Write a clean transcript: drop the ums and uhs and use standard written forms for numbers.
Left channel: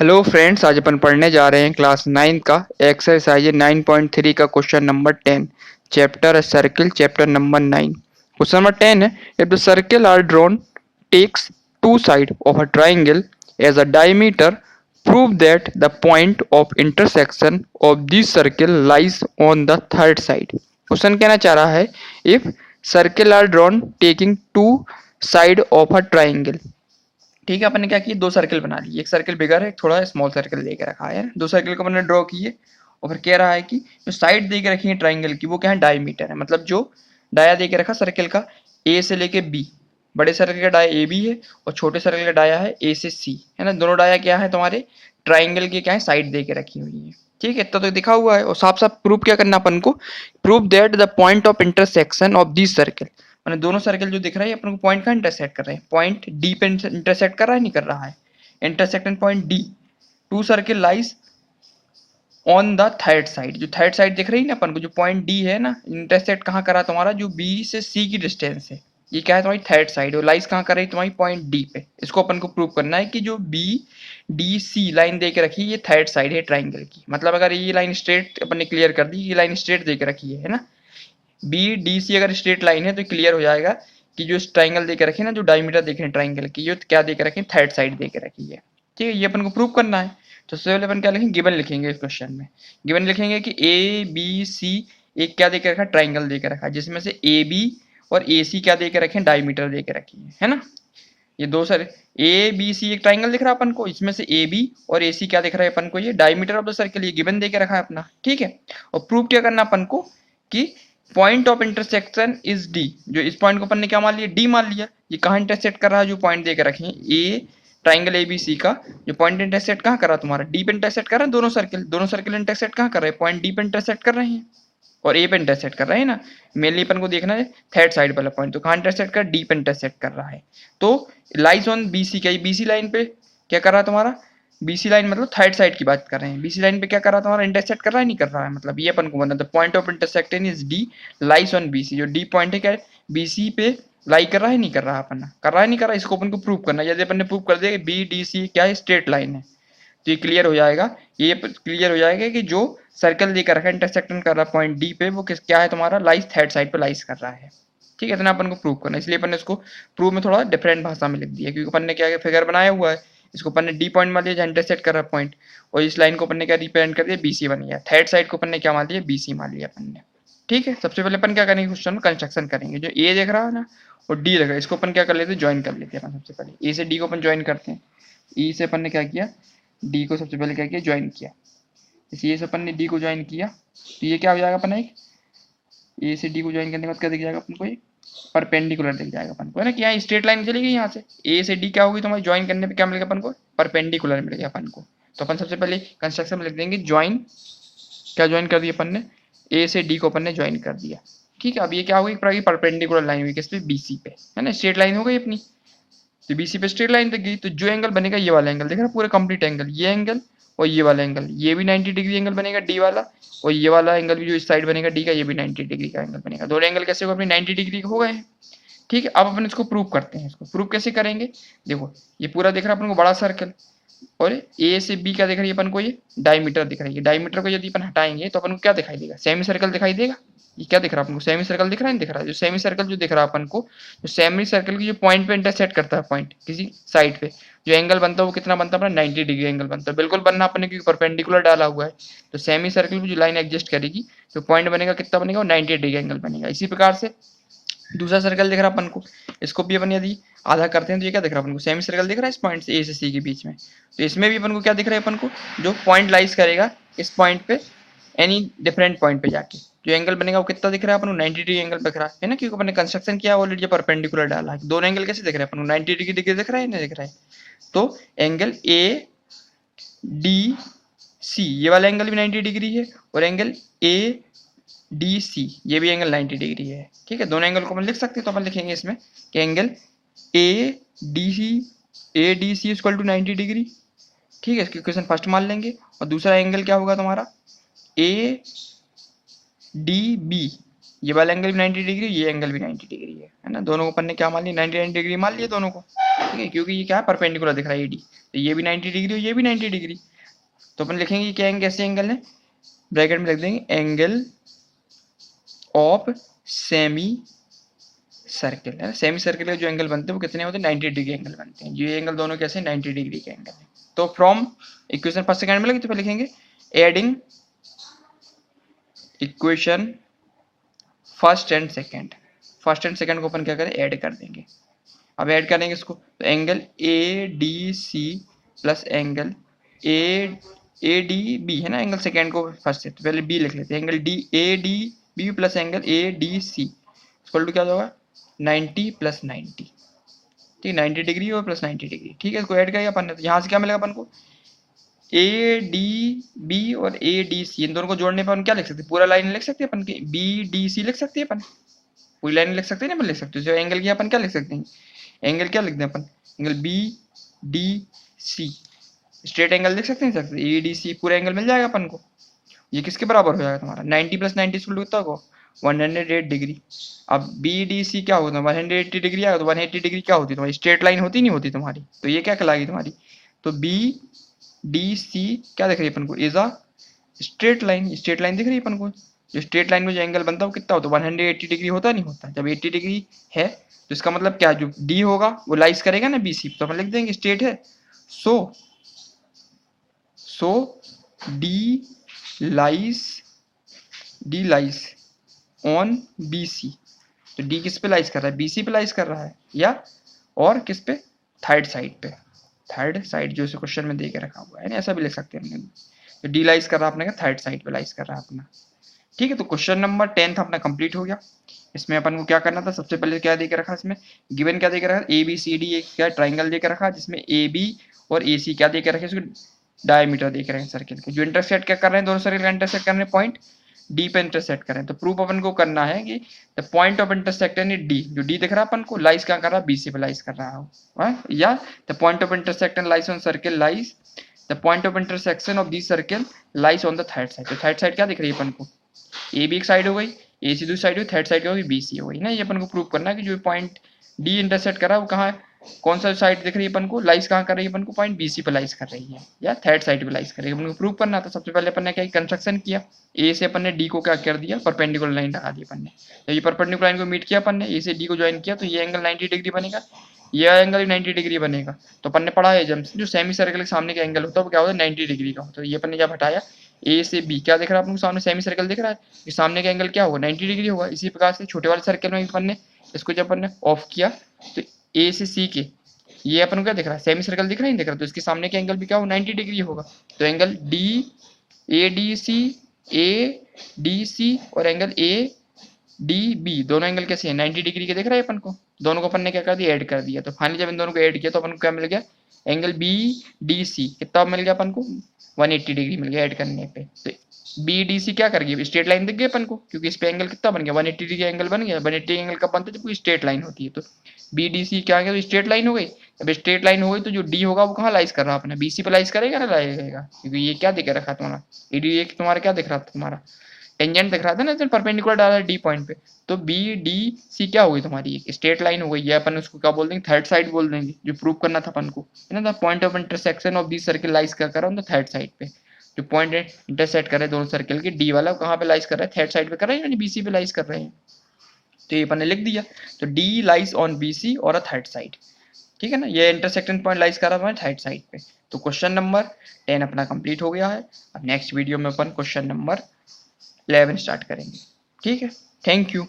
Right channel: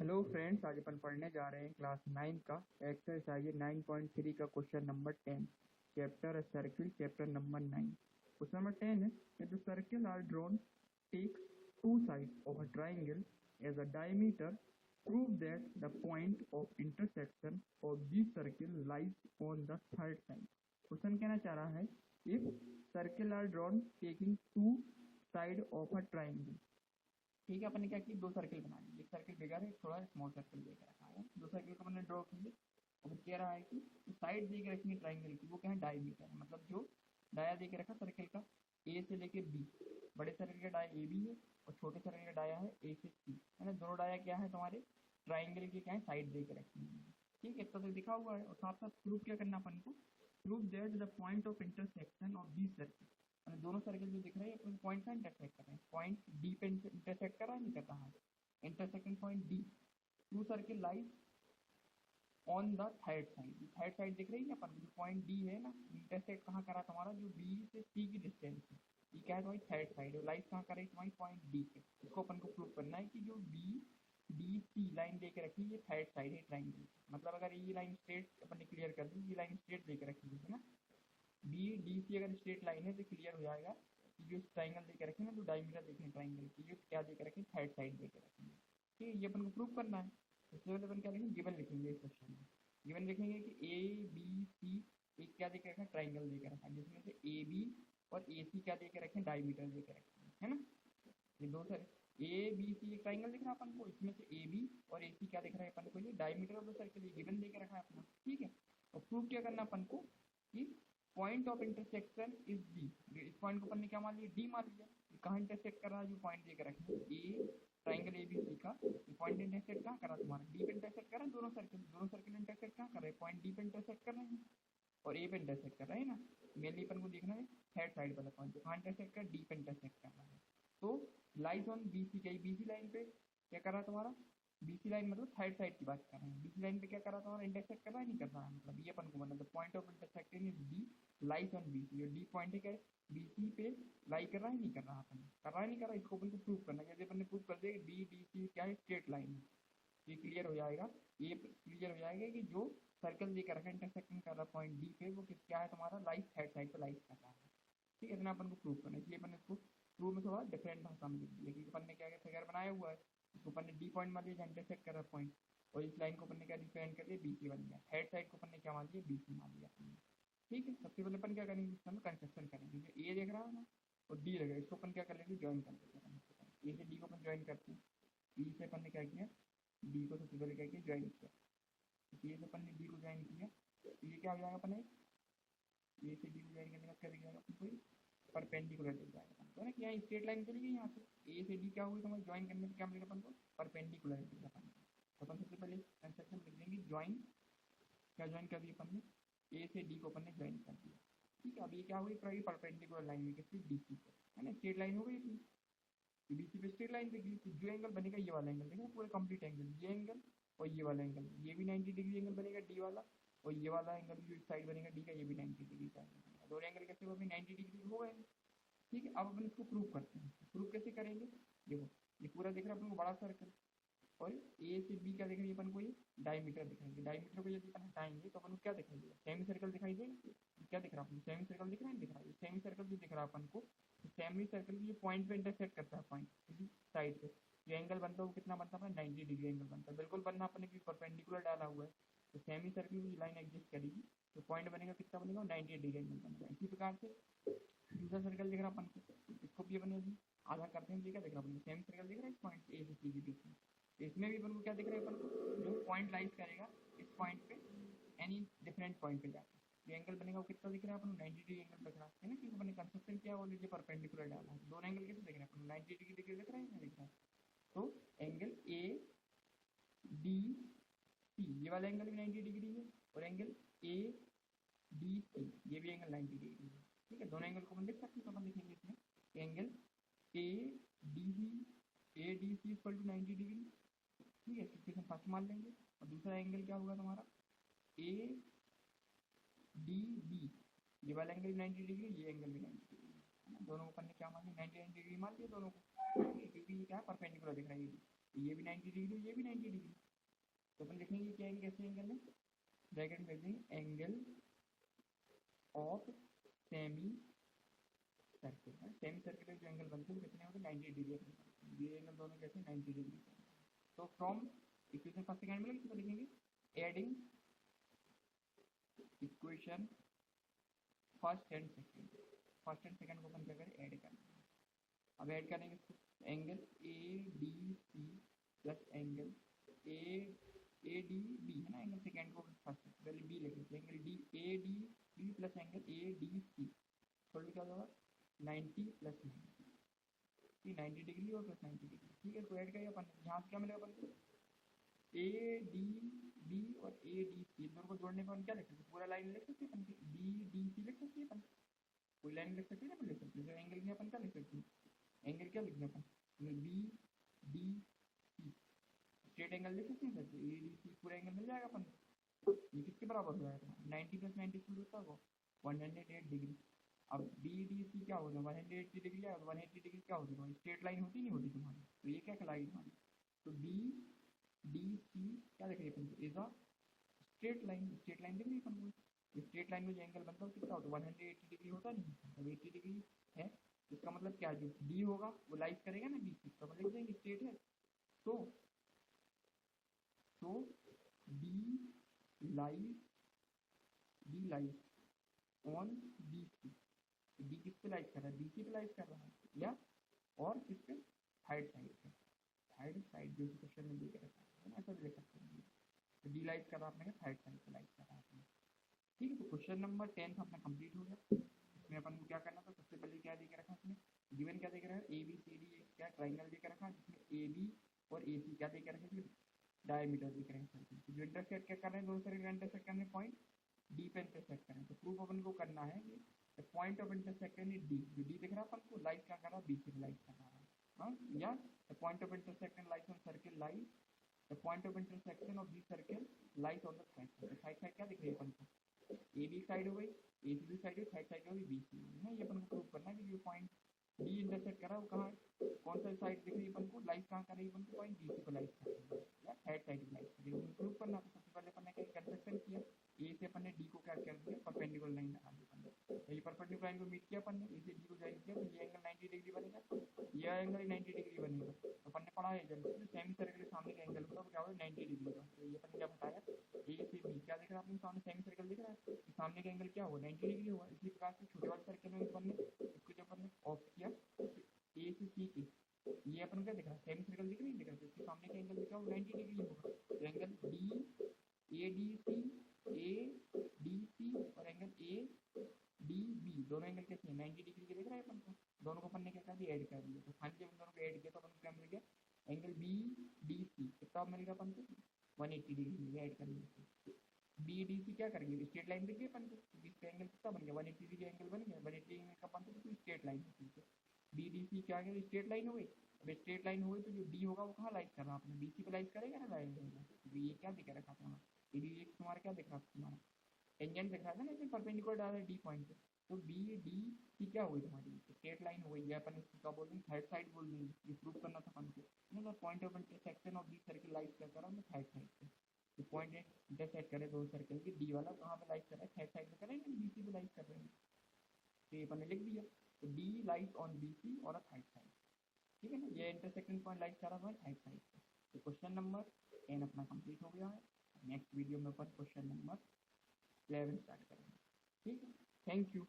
Hello friends, आज अपन पढ़ने जा रहे हैं क्लास 9 का एक्सरसाइज 9.3 का question number 10। Chapter circle, chapter number 9। Question number 10 है, if the circle are drawn takes two side of a triangle as a diameter, prove that the point of intersection of this circle lies on the third side. Question कहना चाह रहा है, if circle are drawn taking two side of a triangle. ठीक है, अपन ने क्या किया, दो सर्किल बना लिए, एक सर्किल बिगर है, एक थोड़ा स्मॉल सर्किल दे के रखा है। दो सर्किल को मैंने ड्रॉ किए और फिर कह रहा है कि जो साइड दे के रखी है ट्राइंगल की वो क्या है, डायमीटर है। मतलब जो डाया दे के रखा सर्किल का ए से लेके बी, बड़े सर्किल का डाया ए बी है और छोटे सर्किल का डाया है ए से सी, है ना। दोनों डाया क्या है तुम्हारे ट्राइंगल के, क्या है, साइड दे के रखी हुई है। ठीक है, इतना तो दिखा हुआ है और साफ साफ प्रूफ क्या करना अपन को, proof that the point of intersection of this circle. मैंने दोनों सर्कल जो दिख रहा है अपन को पॉइंट का इंटरसेक्ट कर रहे हैं, पॉइंट डी पे इंटरसेक्ट कर रहा है, नहीं कर रहा है, intersect point D, two circle lies on the third side. जो थर्ड साइड दिख रही है ना अपन को, जो पॉइंट डी है ना, इंटरसेक्ट कहाँ करा तुम्हारा, जो बी से सी की डिस्टेंस है, ये क्या है तुम्हारी थर्ड साइड, और लाइज कहाँ कर रही है तुम्हारी पॉइंट डी पे। इसको अपन को प्रूव करना है कि जो बी डी सी लाइन दे के रखी है ये थर्ड साइड है ट्राइंगल की। मतलब अगर ये लाइन स्ट्रेट अपन ने क्लियर कर दी, ये लाइन स्ट्रेट दे के रखी है ना, बी डी सी अगर स्ट्रेट लाइन है तो क्लियर हो जाएगा कि जो ट्राइंगल दे के रखे ना, जो डायमीटर देखे ट्राइंगल की, ये क्या दे के रखे, थर्ड साइड दे के रखी है। ठीक है, ये अपन को प्रूव करना है। तो सबसे पहले अपन क्या लिखेंगे, गिवन लिखेंगे। इस क्वेश्चन में गिवन लिखेंगे कि ए बी सी एक क्या दे के रखा, ट्राइंगल दे के रखा, जिसमें से ए बी और ए सी क्या दे के रखे, डायमीटर दे के रखी है ना। ये दो सर ए बी सी एक ट्राइंगल दिख रहा है अपन को, इसमें से ए बी और ए सी क्या दिख रहा है अपन को, ये डायमीटर ऑफ द सर्कल, ये गिवन दे के रखा है अपना। ठीक है, और प्रूव क्या करना अपन को कि point of intersection is D. जो इस पॉइंट को अपन ने क्या मान लिया, डी मान लिया। ये कहाँ इंटरसेक्ट कर रहा है, जो पॉइंट दे के रखे हैं ए, ट्राइंगल ए बी सी का जो पॉइंट इंटरसेक्ट कहाँ कर रहा है तुम्हारा, डी पे इंटरसेक्ट कर रहा है। दोनों सर्किल इंटरसेक्ट कहाँ कर रहे हैं, पॉइंट डी पे इंटरसेक्ट कर रहे हैं और ए पे इंटरसेक्ट कर रहे हैं ना। मेनली अपन को देखना है थर्ड साइड वाला पॉइंट, तो कहाँ इंटरसेक्ट कर, डी पे इंटरसेक्ट कर रहा है। तो लाइज ऑन बी सी, क्या बी सी लाइन पे क्या कर रहा है तुम्हारा, बी सी लाइन मतलब थर्ड साइड की बात कर रहे हैं, बी सी लाइन पे क्या कर रहा है तुम्हारा, इंटरसेक्ट कर रहा है, नहीं कर रहा है। मतलब ये अपन को बनना, the point of intersection is D lies on B C. जो डी पॉइंट है क्या बी सी पे लाई कर रहा है, नहीं कर रहा, अपन कर रहा है, नहीं कर रहा, इसको अपन को प्रूव करना है। यदि अपन ने प्रूव कर दिया कि बी डी सी क्या है, स्ट्रेट लाइन है, तो ये क्लियर हो जाएगा, ये क्लियर हो जाएगा कि जो सर्कल देकर रखा है इंटरसेक्शन कर रहा है पॉइंट डी पे, वो किस क्या है तुम्हारा, लाइज थर्ड साइड पे लाइज कर रहा है। ठीक है, इतना अपन को प्रूव करना है, इसलिए अपन ने इसको प्रूव में थोड़ा डिफरेंट भाषा में लिख दिया, क्योंकि अपन ने क्या फिगर बनाया हुआ है, इसको अपन ने डी पॉइंट मान लिया जहाँ इंटरसेक्ट कर रहा है पॉइंट, और इस लाइन को अपन ने क्या रिप्रेजेंट कर दिया, बीसी बन गया। थर्ड साइड को अपन ने क्या मान लिया, बीसी मान लिया अपन ने। ठीक है, सबसे पहले अपन क्या करेंगे, क्वेश्चन में कंस्ट्रक्शन करेंगे। जो ए देख रहा है ना और डी देख रहा है, इसको अपन क्या कर लेते हैं, ज्वाइन कर लेते हैं अपन। सबसे पहले ए से डी को अपन ज्वाइन करते हैं। ई से अपन ने क्या किया, डी को सबसे पहले क्या किया, ज्वाइन किया। इस ए से अपन ने डी को ज्वाइन किया तो ये क्या हो जाएगा अपना, एक ए से डी को ज्वाइन करने के बाद क्या दिख जाएगा अपन को, एक परपेंडिकुलर दिख जाएगा अपन को, है ना। कि यहाँ स्ट्रेट लाइन चली गई, यहाँ से ए से डी क्या होगी तुम्हारी, ज्वाइन करने पे क्या मिलेगा अपन को, परपेंडिकुलर मिलेगा अपन को। तो अपन सबसे पहले कंस्ट्रक्शन में लिख देंगे ज्वाइन, क्या ज्वाइन कर दिया अपन ने, ए से डी को अपन ने ज्वाइन कर दिया। ठीक है, अब ये क्या होगी, परपेंडिकुलर लाइन हुई किस पे, बीसी पे, है ना, स्ट्रेट लाइन हो गई अपनी। तो बीसी पे स्ट्रेट लाइन दिख गई, तो जो एंगल बनेगा ये वाला एंगल, देख रहा पूरा कंप्लीट एंगल, ये एंगल और ये वाला एंगल, ये भी 90 डिग्री एंगल बनेगा डी वाला, और ये वाला एंगल भी जो इस साइड बनेगा डी का, ये भी 90 डिग्री का एंगल बनेगा। दोनों एंगल कैसे हो अपने 90 डिग्री हो गए हैं। ठीक है, अब अपन इसको प्रूव करते हैं। इसको प्रूव कैसे करेंगे, देखो ये पूरा दिख रहा है अपन को बड़ा सर्कल, और ए से बी क्या दिख रही है अपन को, ये डायमीटर दिख रही है। डायमीटर को यदि अपन हटाएंगे तो अपन को क्या दिखाई देगा, सेमी सर्कल दिखाई देगा। ये क्या दिख रहा है अपन को, सेमी सर्कल दिख रहा है, नहीं दिख रहा है। जो सेमी सर्कल जो दिख रहा है अपन को, जो सेमी सर्कल की जो पॉइंट पे इंटरसेक्ट करता है पॉइंट किसी साइड पे, जो एंगल बनता है वो कितना बनता है अपना, 90 डिग्री एंगल बनता है। बिल्कुल बनना अपने, क्योंकि परपेंडिकुलर डाला हुआ है। तो सेमी सर्कल की जो लाइन एडजस्ट करेगी तो पॉइंट बनेगा कितना बनेगा, वो 90 डिग्री एंगल बनेगा। इसी प्रकार से दूसरा सर्कल दिख रहा है अपन को, इसको भी अपन यदि आधा करते हैं तो ये क्या दिख रहा है अपन को, सेमी सर्कल दिख रहा है इस पॉइंट से ए से सी के बीच में। तो इसमें भी अपन को क्या दिख रहा है, अपन को जो पॉइंट लाइज करेगा इस पॉइंट पे, एनी डिफरेंट पॉइंट पे जाके जो एंगल बनेगा वो कितना दिख रहा है अपन को, 90 डिग्री एंगल दिख रहा है ना, क्योंकि अपन ने कंस्ट्रक्शन किया ऑलरेडी, परपेंडिकुलर डाला है। दोनों एंगल कैसे दिख रहे हैं अपन को, 90 डिग्री दिख रहा है, नहीं दिख रहा है। तो एंगल ए डी सी, ये वाला एंगल भी 90 डिग्री है, और एंगल ए डी सी ये भी एंगल 90 डिग्री है। ठीक है, दोनों एंगल को अपन लिख सकते हैं, तो अपन लिखेंगे इसमें कि angle A D C equal to 90 degree. ठीक है, इसकी इक्वेशन फर्स्ट मान लेंगे। और दूसरा एंगल क्या होगा तुम्हारा, ए डी बी, ये वाला एंगल भी 90 डिग्री, ये एंगल भी 90 डिग्री है ना। दोनों को अपन ने क्या मान लिया, 90 डिग्री मान लिया दोनों को। ठीक है, क्योंकि ये क्या है, परपेंडिकुलर दिख रहा है एडी। तो ये भी 90 डिग्री और ये भी 90 डिग्री। तो अपन लिखेंगे क्या एंगल, कैसे एंगल है, ब्रैकेट में लिख देंगे एंगल ऑफ सेमी सर्किल है। सेमी सर्किल के जो एंगल बनते हैं वो कितने होते हैं, 90 डिग्री एंगल बनते हैं। ये एंगल दोनों कैसे 90 डिग्री के एंगल है। तो फ्रॉम इक्वेशन फर्स्ट सेकंड में लगे तो पहले लिखेंगे adding equation first and second. First and second को अपन क्या करें, ऐड कर देंगे। अब ऐड करेंगे इसको, तो angle A D C plus angle A D B है ना, एंगल सेकंड को फर्स्ट से तो पहले बी लिख लेते हैं, angle D A D B plus angle A D C equal to क्या होगा 90 प्लस 90, ठीक, 90 डिग्री और प्लस 90 डिग्री। ठीक है, इसको ऐड करेंगे अपन ने, तो यहाँ से क्या मिलेगा अपन को, ए डी बी और ए डी सी इन दोनों को जोड़ने पर अपन क्या लिख सकते हैं, पूरा लाइन लिख सकते हैं अपन की, बी डी सी लिख सकते हैं अपन, पूरी लाइन लिख सकते हैं ना, अपन लिख सकते हैं। जो एंगल की अपन क्या लिख सकते हैं, एंगल क्या लिखते हैं अपन, angle B D C, straight angle लिख सकते हैं, सकते ए डी सी पूरा एंगल मिल जाएगा अपन को। ये किसके बराबर हो जाएगा तुम्हारा, 90 प्लस 90 कितना होगा 108 डिग्री। अब बी डी सी क्या होता है 180 डिग्री आएगा, तो 180 डिग्री क्या होती है तुम्हारी, स्ट्रेट लाइन होती नहीं होती तुम्हारी, तो ये क्या कहलाएगी तुम्हारी, तो बी डी सी क्या दिख रही है अपन को, is a straight line, straight line दिख रही है अपन को। जो स्ट्रेट लाइन में जो एंगल बनता है वो कितना होता है 180 डिग्री होता नहीं होता, जब 80 डिग्री है तो इसका मतलब क्या, जो डी होगा वो लाइस करेगा ना बी सी, तो अपन लिख देंगे स्ट्रेट है, so D lies on B C. तो डी किस पे लाइस कर रहा है, बी सी पे लाइस कर रहा है, या और किस पे, थर्ड साइड पे, थर्ड साइड जो इस क्वेश्चन में दे के रखा हुआ है ना, ऐसा भी लिख सकते हैं। तो डी लाइस कर रहा है अपने का थर्ड साइड पे लाइस कर रहा है अपना। ठीक है, तो क्वेश्चन नंबर 10 अपना कंप्लीट हो गया। इसमें अपन को क्या करना था, सबसे पहले क्या दे के रखा, इसमें गिवन क्या दे के रखा, ए बी सी डी एक क्या ट्राइंगल दे के रखा, जिसमें ए बी और ए सी क्या दे के रखे, इसको डायमीटर दे के रखे सर्किल के, जो इंटरसेक्ट क्या कर रहे हैं, दोनों सर्किल का इंटरसेक्ट कर रहे हैं पॉइंट डी पे इंटरसेक्ट करें। तो प्रूफ अपन को करना है कि the point of intersection is D, जो डी दिख रहा है अपन को लाइस क्या कर रहा है, बी सी पे लाइस कर रहा हो, या the point of intersection lies on circle lies, the point of intersection of this circle lies on the third side. तो थर्ड साइड क्या दिख रही है अपन को, ए बी एक साइड हो गई, ए सी दूसरी साइड हुई, थर्ड साइड क्या होगी बी सी हो गई ना। ये अपन को प्रूव करना है कि जो पॉइंट डी इंटरसेक्ट कर रहा है वो कहाँ है, कौन सा साइड दिख रही है अपन को, लाइस कहाँ कर रही है अपन को, पॉइंट बी सी पे लाइस कर रही है या थर्ड साइड पे लाइस कर रही है, अपन को प्रूव करना था। सबसे पहले अपन ने क्या कंस्ट्रक्शन किया, ए से अपन ने डी को क्या कर दिया, परपेंडिकुलर लाइन लगा दी अपन ने। तो ये परपेंडिकुलर लाइन को मीट किया अपन ने, ए से डी को ज्वाइन किया, तो ये एंगल 90 डिग्री बनेगा, ये एंगल भी 90 डिग्री बनेगा। तो अपन ने पढ़ा है जब जो सेमी सर्कल के सामने का एंगल होता है वो क्या होता है 90 डिग्री का होता है। ये अपन ने जब हटाया, ए से बी क्या दिख रहा है अपन को सामने, सेमी सर्कल दिख रहा है, कि सामने का एंगल क्या होगा 90 डिग्री होगा। इसी प्रकार से छोटे वाले सर्कल में अपन ने इसको जब अपन ने ऑफ किया, तो ए से सी के ये अपन को क्या दिख रहा है, सेमी सर्कल दिख रहा है, नहीं दिख रहा, तो इसके सामने का एंगल भी क्या होगा 90 डिग्री होगा। तो एंगल ए डी सी और एंगल ए डी बी दोनों एंगल कैसे हैं 90 डिग्री के दिख रहा है अपन को, दोनों को अपन ने क्या कर दिया, ऐड कर दिया। तो फाइनली जब इन दोनों को ऐड किया तो अपन को क्या मिल गया, एंगल बी डी सी कितना मिल गया अपन को 180 डिग्री मिल गया ऐड करने पे। तो बी डी सी क्या कर गई, स्ट्रेट लाइन दिख गई अपन को, क्योंकि इस पे एंगल कितना बन गया 180 डिग्री एंगल बन गया। 180 एंगल कब बनता है, जब कोई स्ट्रेट लाइन होती है। तो बी डी सी क्या गया, तो स्ट्रेट लाइन हो गई। अब स्ट्रेट लाइन हो गई तो जो डी होगा वो कहाँ लाइस कर रहा है अपना, बी सी पे लाइस करेगा ना, लाइएगा, क्योंकि ये क्या दिख रखा तुम्हारा ए डी, तुम्हारा क्या दिख रहा था, तुम्हारा टेंजेंट दिख रहा था ना, तो परपेंडिकुलर डाला डी पॉइंट पे। तो बी डी सी क्या होगी तुम्हारी, एक स्ट्रेट लाइन हो गई है, अपन उसको क्या बोल देंगे, थर्ड साइड बोल देंगे, जो प्रूव करना था अपन को है ना। The point of intersection of this circle lies क्या कर रहा हूँ थर्ड साइड पे, जो पॉइंट इंटरसेक्ट कर रहे हैं दोनों सर्किल के, डी वाला कहाँ पे लाइस कर रहा है, थर्ड साइड पे कर रहे हैं, यानी बीसी पे लाइस कर रहे हैं। तो ये अपन ने लिख दिया, तो डी लाइस ऑन बीसी और अ थर्ड साइड, ठीक है ना, ये इंटरसेक्शन पॉइंट लाइस कर रहा है थर्ड साइड पे। तो क्वेश्चन नंबर 10 अपना कंप्लीट हो गया है। अब नेक्स्ट वीडियो में अपन क्वेश्चन नंबर 11 स्टार्ट करेंगे। ठीक है, थैंक यू।